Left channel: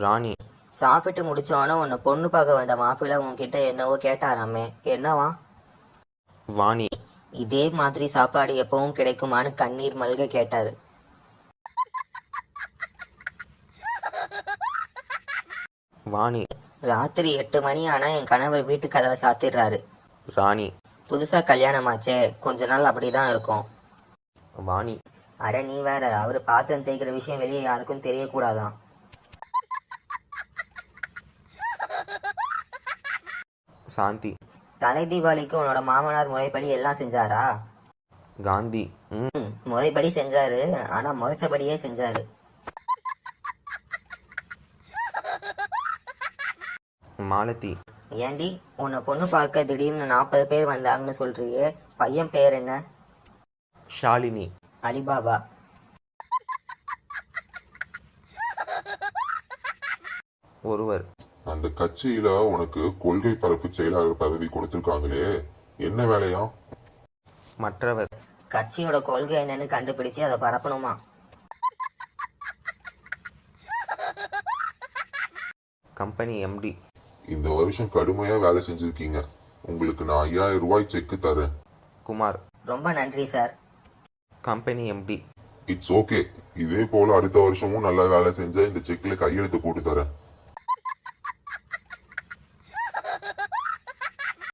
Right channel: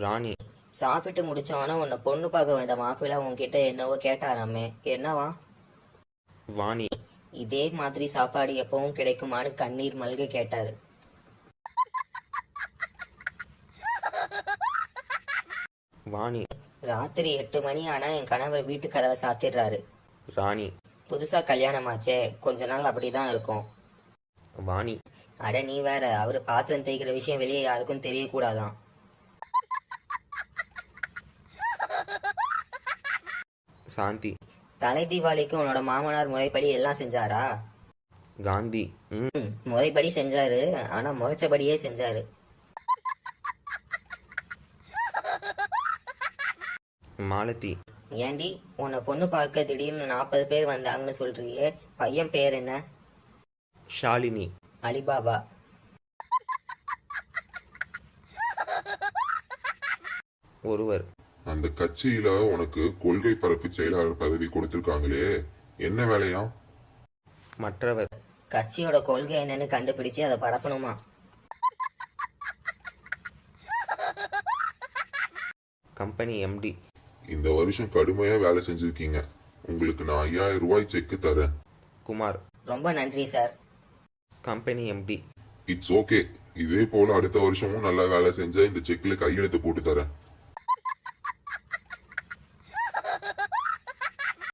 ராணி. சாப்பிட்டு முடிச்சோன்னே உன்னை பொண்ணு பார்க்க வந்த மாப்பிள்ளை உன்கிட்ட என்னவோ கேட்டாராமே, என்னவா? வாணி. இதே மாதிரி சாப்பாடு எப்பவும் கிடைக்குமான்னு கண்ணீர் மல்க கேட்டாரு. வாணி. ராத்திரி 8 மணி ஆனா என் கணவர் வீட்டு கதவை சாத்திடுறாரு. ராணி. புதுசா கல்யாணமாச்சே, கொஞ்ச நாள் அப்படிதான் இருக்கும். வாணி. அட நீ வேற, அவரு பாத்திரம் தேய்க்கிற விஷயம் வெளியே யாருக்கும் தெரியக்கூடாதான். சாந்தி. தலை தீபாவளிக்கு உன்னோட மாமனார் முறைப்படி எல்லாம் செஞ்சாரா? காந்தி. முறைப்படி செஞ்சாரு, ஆனா முறைச்சபடியே செஞ்சாரு. மாலதி. ஏண்டி, உன்னை பொண்ணு பார்க்க திடீர்னு 40 பேர் வந்தாங்கன்னு சொல்றியே, பையன் பேர் என்ன? ஷாலினி. அலிபாபா. ஒருவர். அந்த கட்சியில உனக்கு கொள்கை பரப்பு செயலாளர் பதவி கொடுத்திருக்காங்களே, என்ன வேலையா? மற்றவர். கட்சியோட கொள்கை என்னன்னு கண்டுபிடிச்சு அதை பரப்பணுமா? Company MD. இந்த வருஷம் கடுமையா வேலை செஞ்சிருக்கீங்க, உங்களுக்கு நான் 5000 ரூபாய் செக் தரேன். குமார். ரொம்ப நன்றி sir. Company MD. It's okay, இதே போல அடுத்த வருஷமும் நல்லா வேலை செஞ்சா இந்த செக்ல கையெழுத்து போட்டு தரேன்.